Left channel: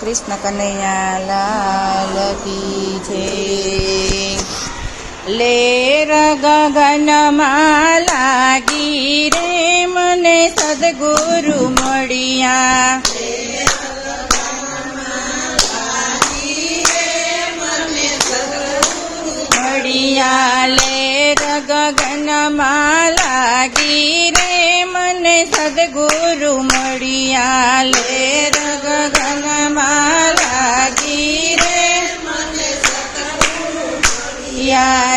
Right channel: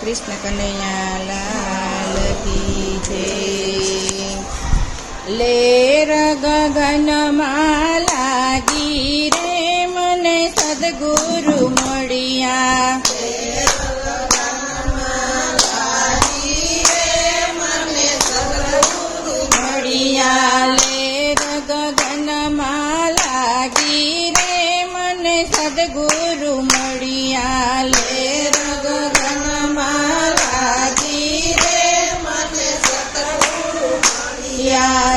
કૃષ્ણ કનૈયા લાલ કી જય। લેર ગગનમાં લાગી રે મને સદગુરુ મળ્યા, લેર ગગનમાં લાગી રે મને સદગુરુ મળ્યા, લેર ગગનમાં લાગી રે મને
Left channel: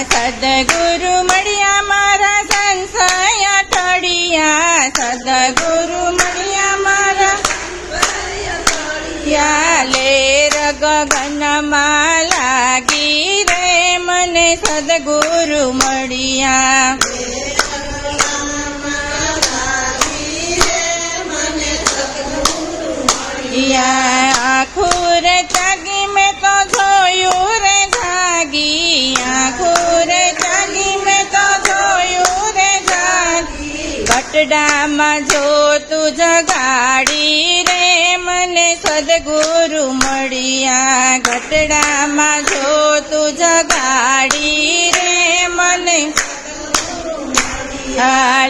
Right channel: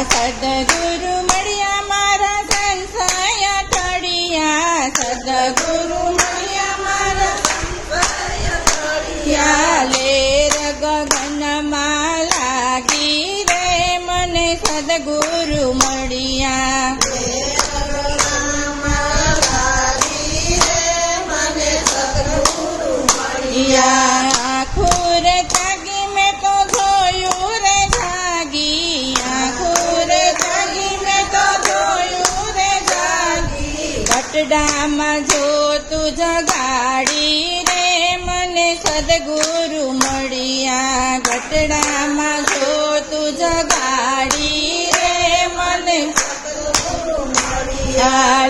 સદગુરુ મળ્યા, મારા સંશય ટળ્યા, સદગુરુ મળ્યા મારા લેર ગગનમાં લાગી રે મને સદગુરુ મળ્યા, આખું રે જાગી મેં તો જોયું રે જાગી, આખું રે જાગી મેં તો જોયું રે જાગી, બટડામાં જોતું જગાડી રે મને સદગુરુ મળ્યા, ગટડામાં જોતું જગાડી રે મને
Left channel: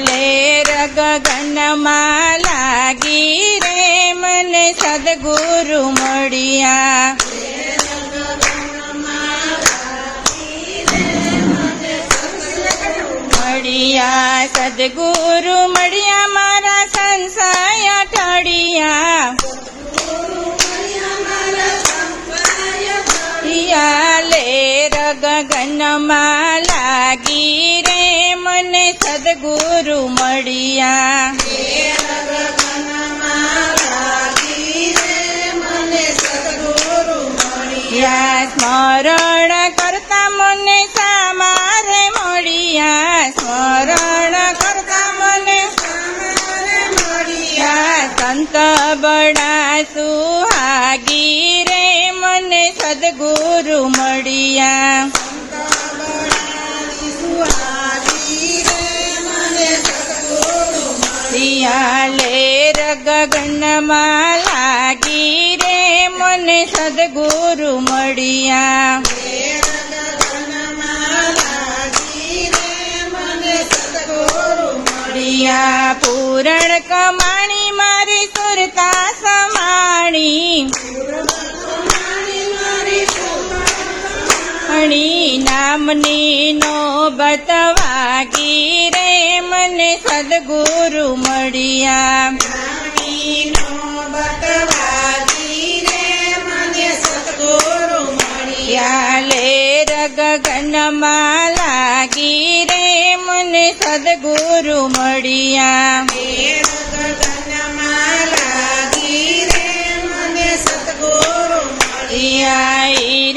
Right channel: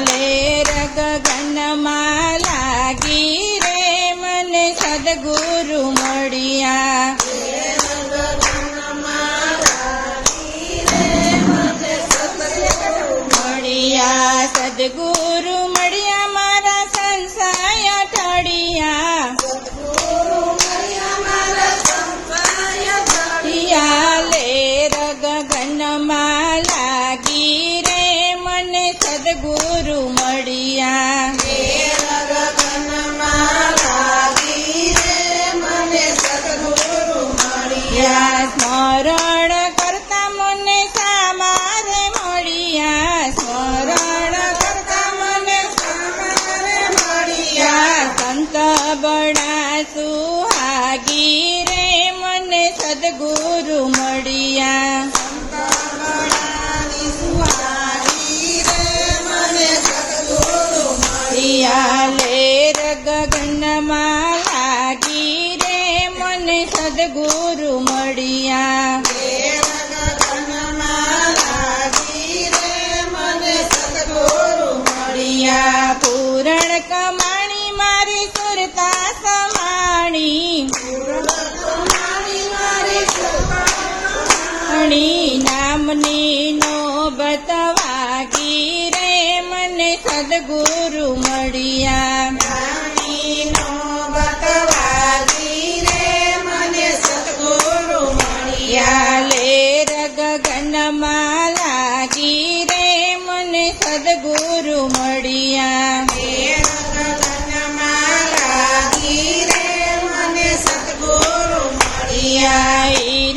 લેર ગગનમાં લાગી રે મને સદગુરુ મળ્યા, સદગુરુ મળ્યા મારા સંશય ટળ્યા, લેર ગગનમાં લાગી રે મને સદગુરુ મળ્યા, સ્મરણ કરતા મને સામારે મળ્યા, સ્મરણ કરતા મને સંત બડા સુહાગી રે મને સદગુરુ મળ્યા, લેર ગગનમાં લાગી રે મને સદગુરુ મળ્યા, પૂરણ કમાણી મારી સુરતા સમાણી, નામની નોબત વાગી રે મને સદગુરુ મળ્યા, લેર ગગનમાં લાગી રે મને સદગુરુ મળ્યા,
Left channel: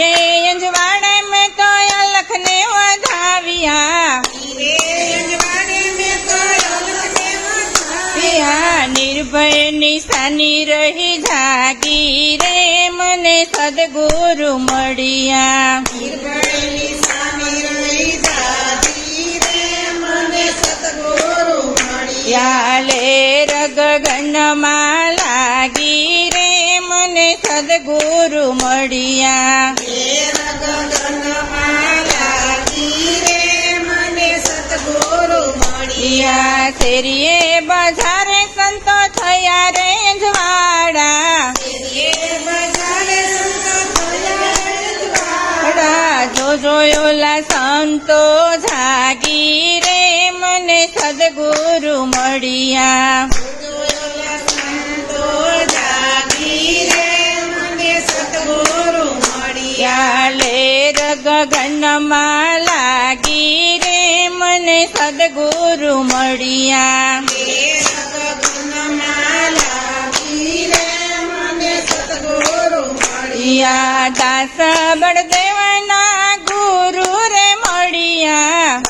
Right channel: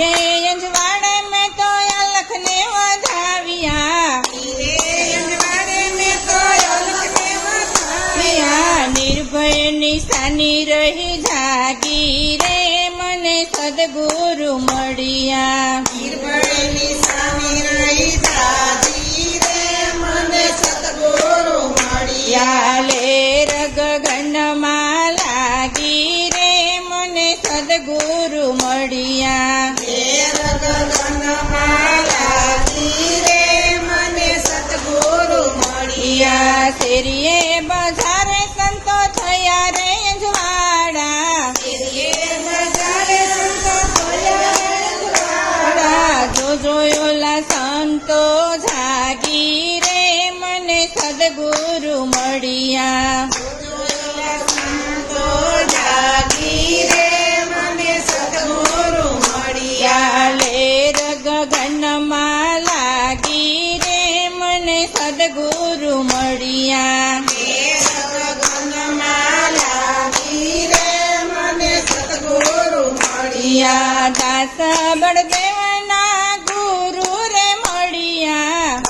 રે અંજવાડે મેં તો અલખને વધાવ્યા, નિર્ભય નિશાની રહી જાગી રે મને સદગુરુ મળ્યા, લેર ગગનમાં લાગી રે મને સદગુરુ મળ્યા, શેરીએ બજારે સંતો થયા રે અંજવાડા, જોયોલા સંતો જાગી રે મને સદગુરુ મળ્યા, લેર ગગનમાં લાગી રે મને સદગુરુ મળ્યા, દાસ બળદેવના ગુરુ રે મળ્યા,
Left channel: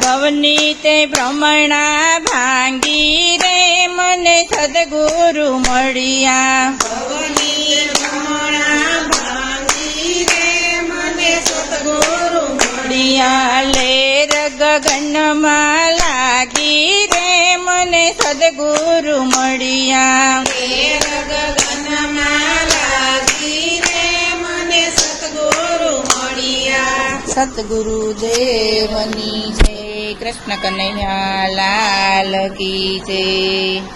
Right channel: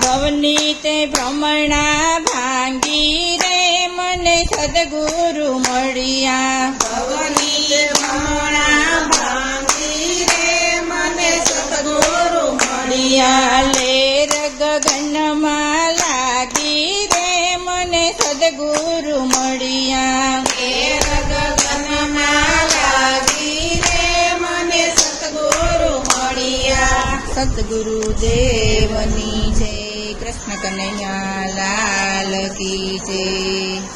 ભવની તે ભ્રમણા ભાંગી રે મને સદગુરુ મળ્યા, લેર ગગનમાં લાગી રે મને સદ સદગુરુ મળ્યા. ગગનમાં લાગી રે મને સતગુરુ મળ્યા. સતગુરુ દેવની જય. કૃષ્ણ કનૈયા લાલ કી જય.